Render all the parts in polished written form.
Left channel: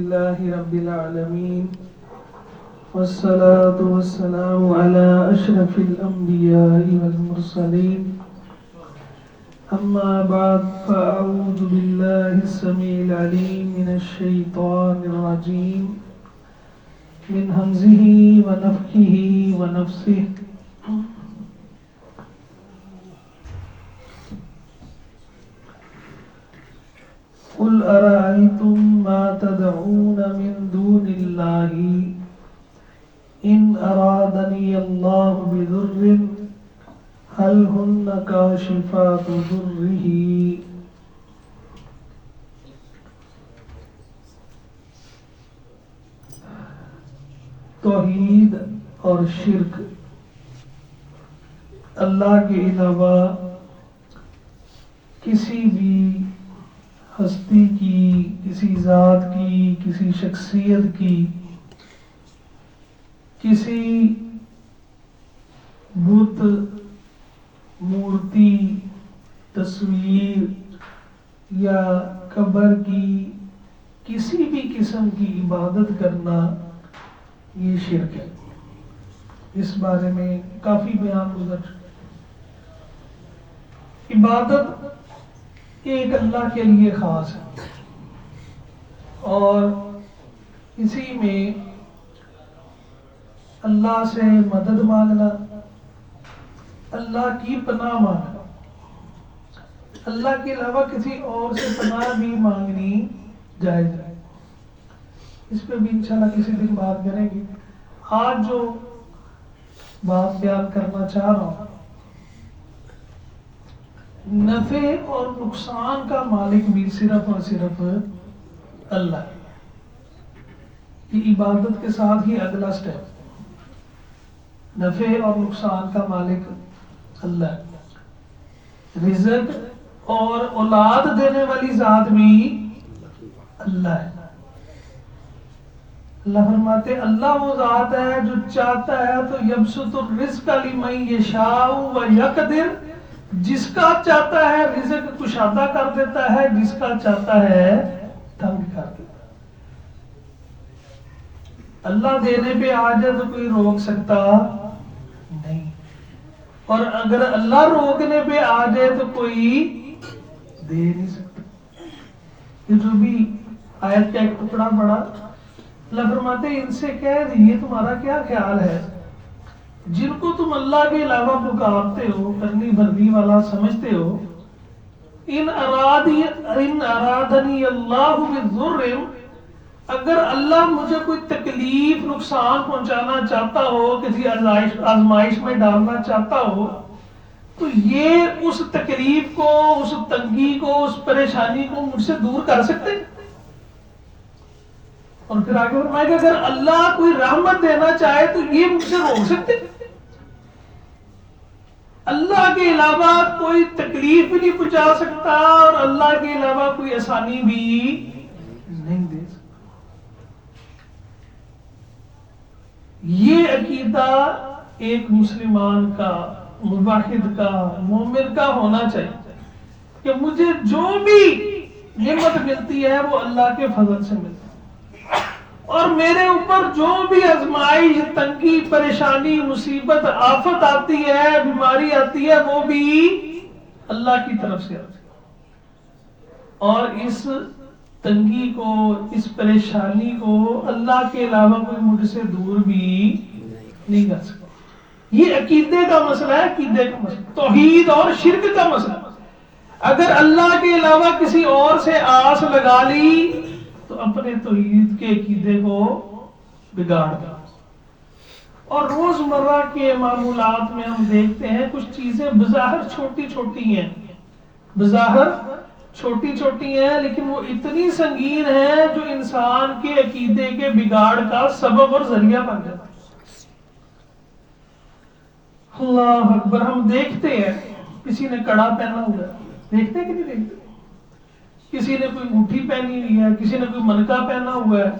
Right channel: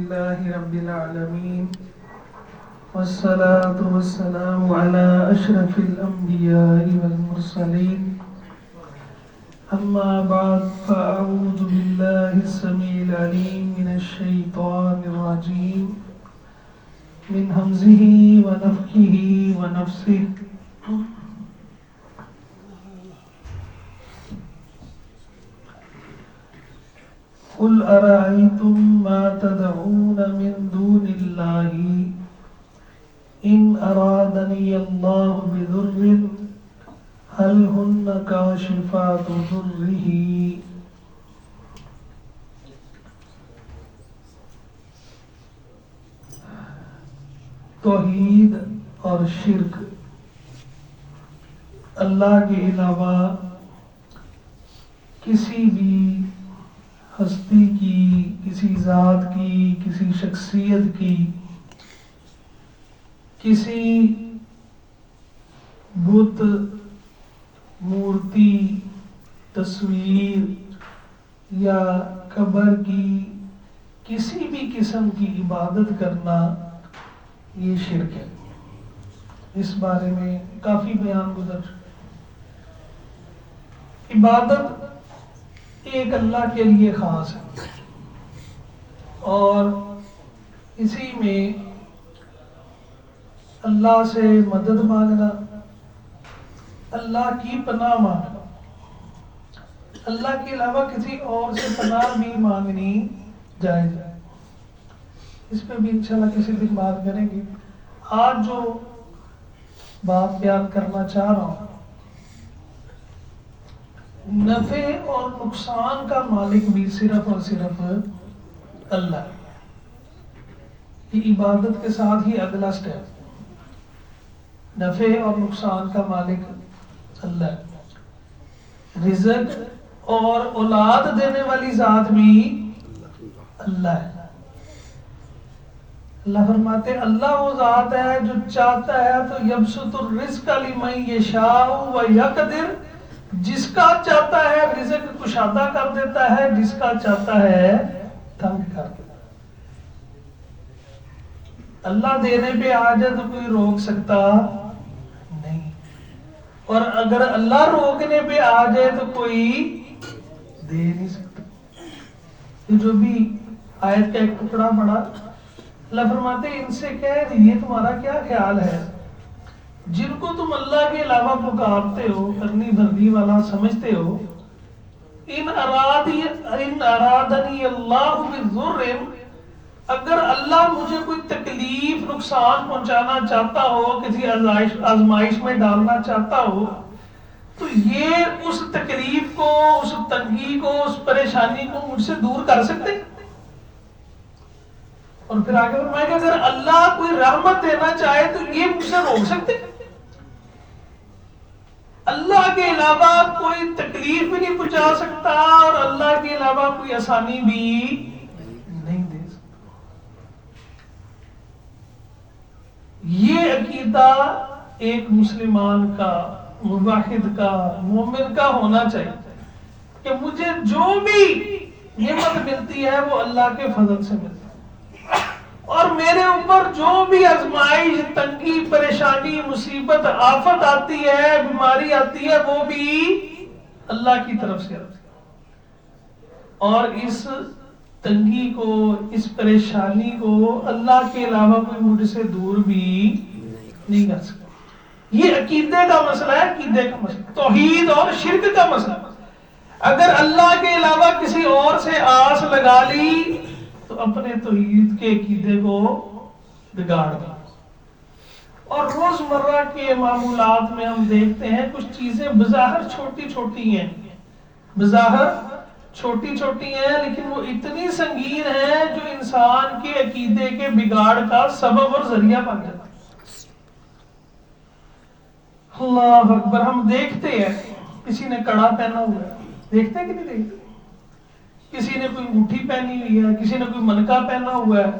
لله رب العالمين والصلاة والسلام على أشرف الأنبياء والمرسلين أما بعد فأعوذ بالله السميع العليم من الشيطان الرجيم من همزه ونفخه ونفثه قل أرأيتم ما تدعون من دون الله إن أرادني الله بضر هل هن كاشفات ضره توحید اور شرک اللہ کے علاوہ کسی بھی ہستی کی، کسی ذات کی، کسی شخصیت کی، کسی بت، مورتی، تصویر یا قبر کی کسی بھی قسم کی عبادت کرنا یہ شرک ہے۔ اس بارے میں کافی بیان گزر چکا۔ عبادت ایک اللہ کے لیے خاص ہے اور اسی میں اللہ سے مدد مانگنا، اللہ کی پناہ مانگنا، اللہ کے علاوہ کسی اور سے پناہ بھی مانگنی جائز ہے۔ اس پہ بھی انشاءاللہ کسی دن بات کریں گے۔ آج جو بات بیان کرنا چاہ رہا ہوں، نفع اور نقصان کا مالک بھی صرف اور صرف اللہ ہے۔ یہ عبادت کے ساتھ ہی اگلا سٹیپ، نفع اور نقصان کا مالک اللہ ہے۔ رزق اور اولاد دینے والی ذات بھی اللہ ہے۔ اللہ فرماتے اللہ وہ ذات ہے جو چاہتا ہے تو یبسط الرزق لمن یشاء ویقدر، جس کا چاہتا ہے رزق کشادہ کر دیتا ہے، جس کا چاہتا ہے تنگ کر دیتا ہے۔ اللہ دینے پہ آ جائے تو کوئی روک سکتا نہیں، اور اگر اللہ روکنے پہ آ جائے تو کوئی دے نہیں سکتا۔ یہ جو بھی آیت کا ایک ٹکڑا پڑا، اللہ فرماتے ان سے کہہ یہ تمہارا کیا خیال ہے جن کو تم اللہ کے علاوہ پکارتے ہو، کرنی بھرنی والا سمجھتے ہو، ان ارادنی اللہ بضر، اگر اللہ مجھے کوئی تکلیف، نقصان پہنچانا چاہتا ہو، کسی آزمائش میں ڈالنا چاہتا ہو، تو یہ اس تکلیف کو، اس تنگی کو، اس پریشانی کو مجھ سے دور کر سکتے؟ اور پھر آگے فرمائے کہ اگر اللہ کوئی رحمت دینا چاہے تو یہ مجھ سے روک سکتے؟ اللہ کے علاوہ کوئی تکلیف بھی نہیں پہنچا سکتا اور اللہ کے علاوہ کوئی آسانی بھی نہیں دے سکتا۔ یہ عقیدہ ایک مسلمان کا، موحد کا، مومن کا ہونا چاہیے کہ مجھے جو بھی نعمت ملتی ہے وہ اللہ کے فضل سے ملتی ہے، اور میرے اوپر جو بھی آزمائش، تنگی، پریشانی، مصیبت، آفت آتی ہے، بیماری آتی ہے، وہ بھی اللہ کی طرف سے آتی ہے، اور اس تنگی کو، اس پریشانی کو اللہ کے علاوہ کوئی مجھ سے دور بھی نہیں کر سکتا۔ یہ عقیدے کا مسئلہ ہے، عقیدے کا مسئلہ، توحید اور شرک کا مسئلہ۔ اگر اللہ کے علاوہ کسی اور سے آس لگا لی تو اپنے توحید کے عقیدے کو بگاڑ دیا۔ اور روزمرہ کے معمولات میں ہم دیکھتے ہیں کچھ چیزیں بظاہر چھوٹی چھوٹی ہیں، بظاہر چھوٹی چھوٹی ہیں، لیکن وہ اتنی سنگین ہیں جو انسان کے عقیدے کے بگاڑ کا سبب اور ذریعہ بن جاتا ہے۔ اللہ اکبر، ہم دیکھتے ہیں کسی نے کڑا پہنا ہوا ہے، دیکھتے کہ نہیں دیکھتے؟ کسی نے کوئی انگوٹھی پہنی ہوئی ہے، کسی نے کوئی منکا پہنا ہوا ہے،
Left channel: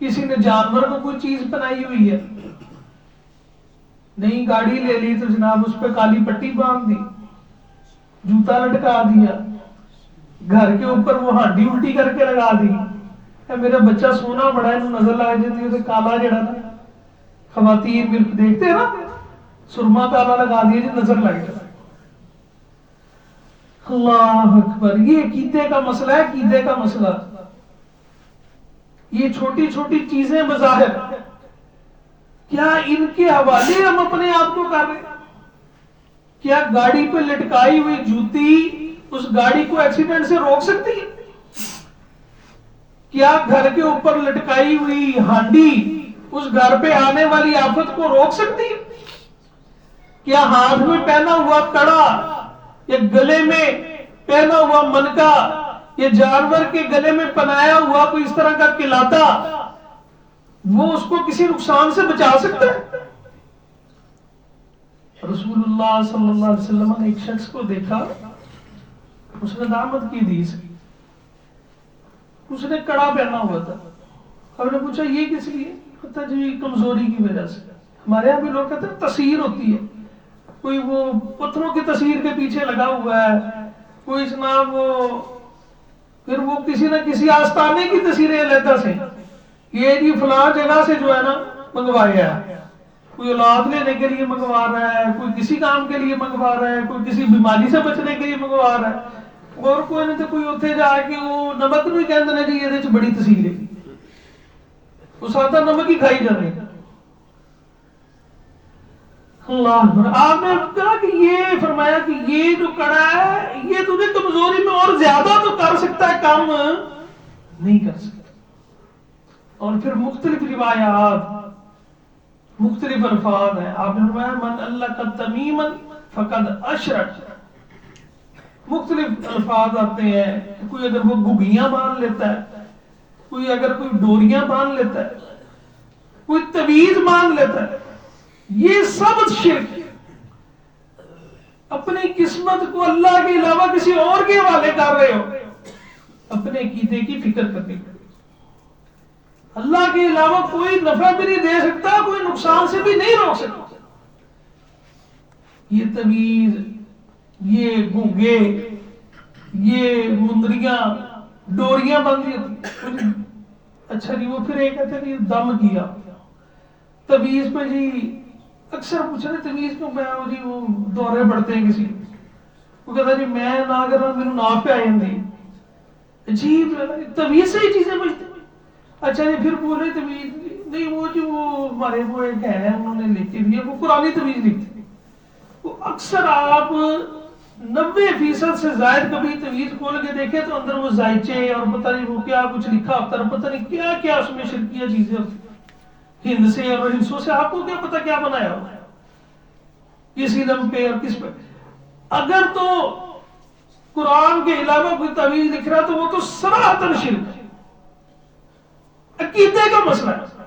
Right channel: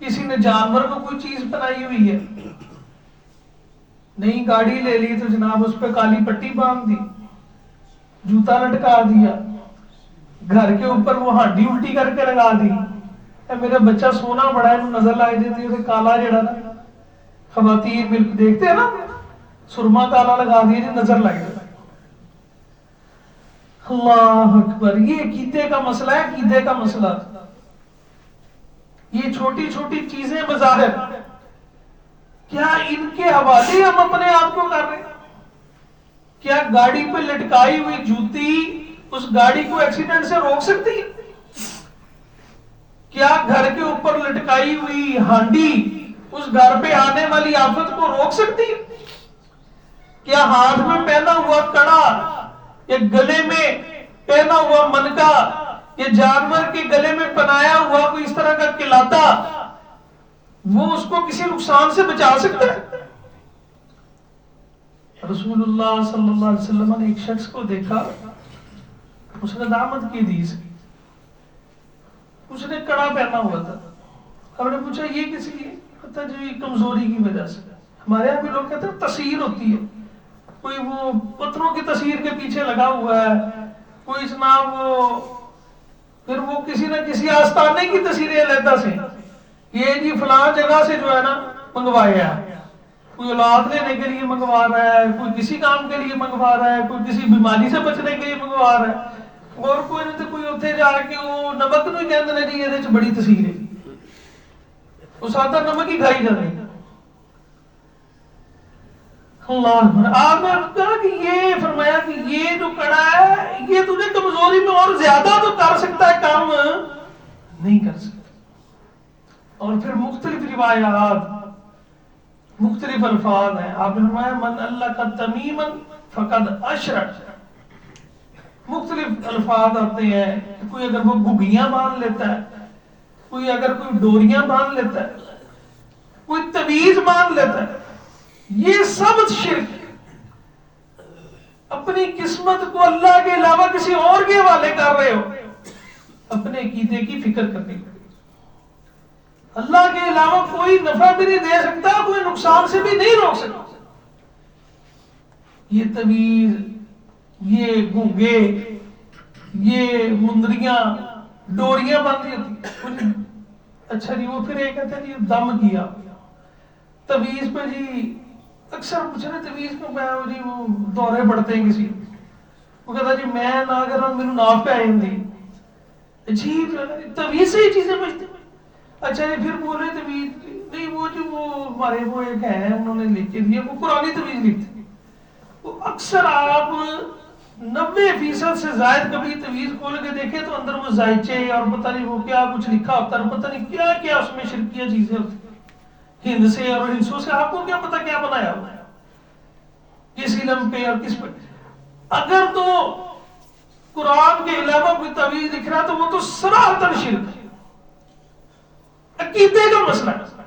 کسی نے جانور کو کوئی چیز پہنائی ہوئی ہے، نئی گاڑی لے لی تو جناب اس پہ کالی پٹی باندھ دی، جوتا لٹکا دیا، گھر کے اوپر وہ ہڈی الٹی کر کے لگا دی، میرا بچہ سونا بڑا ہے نظر لگ جاتی ہے کالا جڑا نا خواتین ملک دیکھتے ہیں نا سرما کالا لگا دیا جی نظر لگ جاتا ہے. اللہ اکبر. یہ عقیدے کا مسئلہ ہے, عقیدے کا مسئلہ. یہ چھوٹی چھوٹی چیزیں بظاہر کیا ان کے حوالے ہم اپنے آپ کو کر رہے ہیں. کیا گاڑی پہ لٹکائی ہوئی جوتی اس گاڑی کو ایکسیڈنٹ سے روک سکتی ہے؟ کیا گھر کے اوپر لٹکائی ہوئی ہانڈی اس گھر پہ آنے والی آفت کو روک سکتی ہے؟ کیا ہاتھ میں پہنا ہوا کڑا یا گلے میں پہنا ہوا منکا یا جانور کے گلے میں پنایا ہوا کوئی اس طرح کا کلاتا وہ اس کو کسی نقصان سے بچا سکتا ہے؟ رسول اللہ صلی اللہ علیہ وسلم نے ایک شخص کو دیکھا, اس نے دعوت کی حدیث کی, اس نے کڑا پہنا ہوا تھا. ہم نے پوچھا یہ کس لیے؟ پتہ جی کمزوری کی وجہ سے. ہمارے یہاں بھی لوگ کہتے ہیں تصویر ہوتی ہے, کوئی وہ پتھروں کی تصویر کے پیچھے لگا ہوا ہے, کوئی جناب پھر وہ کسی نہ کسی آستانے کی تصویریں علیحدہ سے, یہ جی فلاں جگہ سے جو ہے نا منگوایا ہے, کوئی اولاد لینے کے لیے منگوا رہا ہے, کوئی کسی کام کے لیے منگوا رہا ہے, کوئی کسی بیماری سے بچنے کے لیے منگوا رہا ہے, اور کوئی نہیں تو کوئی اتنے جا کے وہ نمک نہیں کہتے ہیں جی یہ بڑی تصویر ہے, وہ سادہ نمک ہی کھائی جاتی ہے. اللہ, آپ نے کہا کہ یہ فرمایا کہ یہ جو کڑا ہے یہ تجھے کمزوری میں اور زیادہ تو کر سکتا ہے, کام نہیں کر سکتا. اور پھر مختلف روایات مختلف الفاظ ہیں. آپ نے فرمایا من اللہ کا تمیما فقد اشرک. مختلف الفاظ آتے ہیں. کوئی اگر وہ گھگیاں باندھ لیتا ہے, کوئی اگر کوئی ڈوریاں باندھ لیتا ہے, کوئی تعویذ باندھ لیتا ہے, یہ سب شرک. اپنی قسمت کو اللہ کے علاوہ کسی اور کے حوالے کر رہے ہو. اپنے عقیدے کی فکر کرنی. اللہ کے علاوہ کوئی نفع بھی نہیں دے سکتا, کوئی نقصان سے بھی نہیں روک سکتا. یہ تعویذ, یہ گونگے, یہ مندریاں, ڈوریاں باندھی ہوتی. اچھا جی, وہ پھر یہ کہتے ہیں کہ دم کیا تعویذ پہ. جی اکثر پوچھا نا تعویذ کو میں جی وہ دورے پڑتے ہیں کسی, وہ کہتا جی میں نہ کر رہا میرے ناف پہ آئی ہوں. عجیب تعویذ سے ہی چیزیں بچتی. اچھا جی پھر بولے تعویذ نہیں, وہ جو وہ ہمارے وہ ایک ہے انہوں نے لکھ کے دیا, وہ قرآنی تعویذ لکھتے. وہ اکثر آپ 90% سے زائد کبھی تعویذ کھول کے دیکھیں تو اندر وہ زائچے اور پتہ نہیں وہ کیا کچھ لکھا ہوتا ہے, پتہ نہیں کیا کیا اس میں شرکیہ چیزیں ہوتی ہیں, ہند سے اور ہندسوں سے. آپ کو کیا پتہ کیا بنایا ہوتا ہے, کس علم پہ اور کس پہ. اگر تو قرآن کے علاوہ کوئی تعویذ لکھ رہا تو وہ تو صراحتاً شرک ہے, عقیدے کا مسئلہ ہے.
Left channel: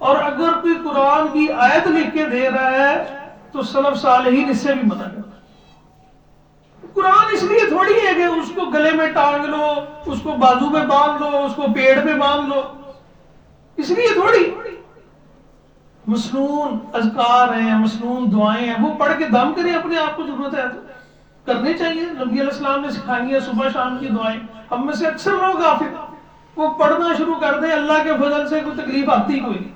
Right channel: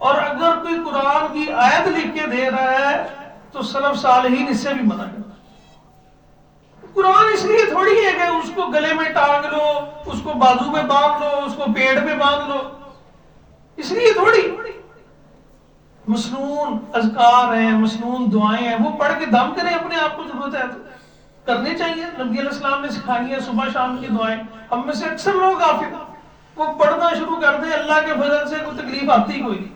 اور اگر کوئی قرآن کی آیت لکھ کے دے رہا ہے تو سلف صالحین اس سے بھی منع کرتے. قرآن اس لیے تھوڑی ہے کہ اس کو گلے میں ٹانگ لو, اس کو بازو میں باندھ لو, اس کو پیڑ میں باندھ لو, اس لیے تھوڑی. مسنون اذکار ہیں, مسنون دعائیں ہیں, وہ پڑھ کے دم کریں. اپنے آپ کو ضرورت ہے تو کرنے چاہیے. نبی علیہ السلام نے سکھائی ہے صبح شام کی دعائیں. ہم میں سے اکثر لوگ غافل, وہ پڑھنا شروع کر دیں, اللہ کے فضل سے کوئی تکلیف آتی کوئی نہیں.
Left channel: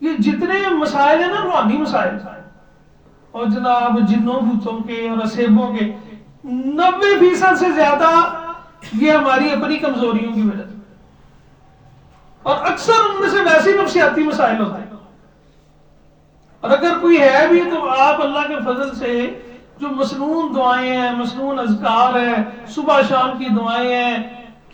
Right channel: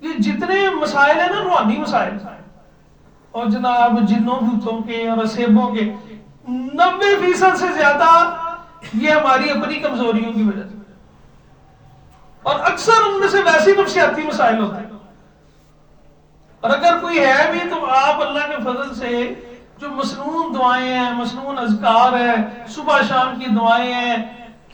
یہ جتنے مسائل ہیں نا روحانی مسائل, اور جناب جنوں بھوتوں کے اور اسیبوں کے 90% سے زیادہ یہ ہماری اپنی کمزوریوں کی وجہ سے, اور اکثر ان میں سے ویسے نفسیاتی مسائل ہوتے ہیں. اور اگر کوئی ہے بھی تو آپ اللہ کے فضل سے جو مسنون دعائیں ہیں, مسنون اذکار ہیں, صبح شام کی دعائیں ہیں,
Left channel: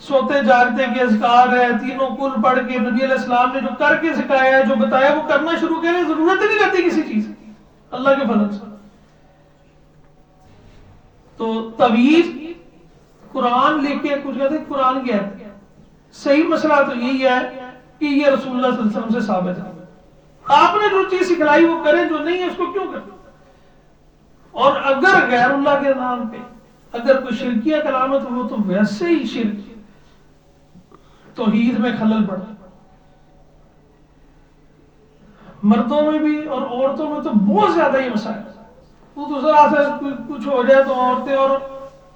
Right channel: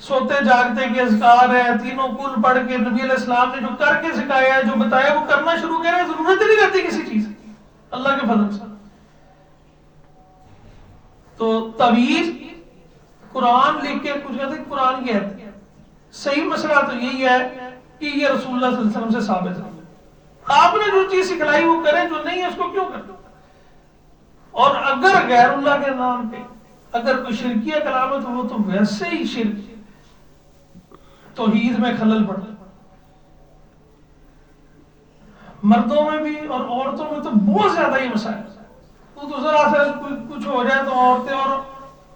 سوتے جاگتے کے اذکار ہیں, تینوں کل پڑھ کے نبی علیہ السلام نے جو کر کے سکھایا ہے, جو بتایا وہ کرنا شروع کریں. ضرورت ہی نہیں رہتی کسی چیز کی اللہ کے فضل سے. تو تعویذ قرآن لے کے کچھ کہتے ہیں قرآن کی آیت. صحیح مسئلہ تو یہی ہے کہ یہ رسول اللہ صلی اللہ علیہ وسلم سے ثابت ہے. آپ نے جو چیز سکھلائی وہ کریں, جو نہیں ہے اس کو کیوں کریں. اور اگر غیر اللہ کے نام پہ اگر کوئی شرکیہ کلامت ہو تو ویسے ہی شرک, توحید میں خلل پڑتا. مردوں میں بھی اور عورتوں میں تو بہت زیادہ یہ مسائل. تو ذرا سا کچھ ہو جائے تو عورتیں اور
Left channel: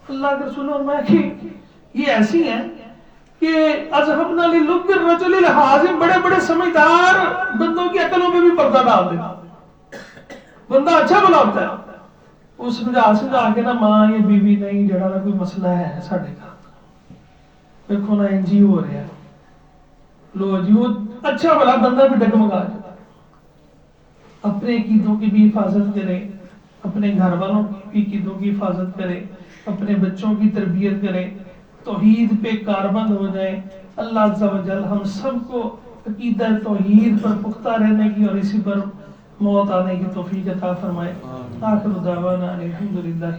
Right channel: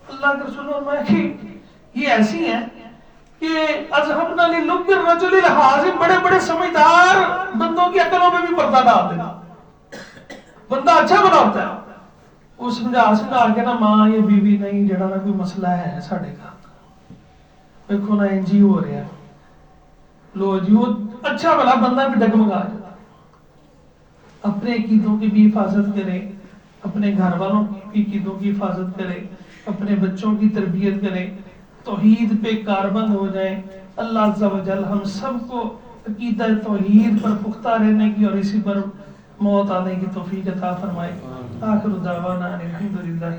اللہ کے رسول اور میں کہ یہ ایسی ہیں کہ اذهبنا للب الرجل الحازم، بڑے بڑے سمجھدار بندوں کی عقلوں پہ بھی پردہ ڈال دینا. بندہ اچھا بنا ہوتا ہے، وہ سمجھا کے نا ماں یہ بیوی نہیں جڑا نا کوئی مسئلہ ہے ساڈے گھر دیکھو نا انج ہی ہو رہا ہے، لو جی وہ اچھا بلا بندہ بھی ڈگمگا جاتا. اپنے عقیدوں کی بھی حفاظت کرے، اپنے گھر والوں کی عقیدوں کی حفاظت کرے، اپنے بچوں کی تربیت کرے، توحید پہ کاربند ہو جائے. اللہ عز و جل ہم سب کو عقیدہ توحید پر پختہ رہنے کی اور اسی پر موت آنے کی توفیق عطا فرمائے. آخر دعوانا الحمدللہ.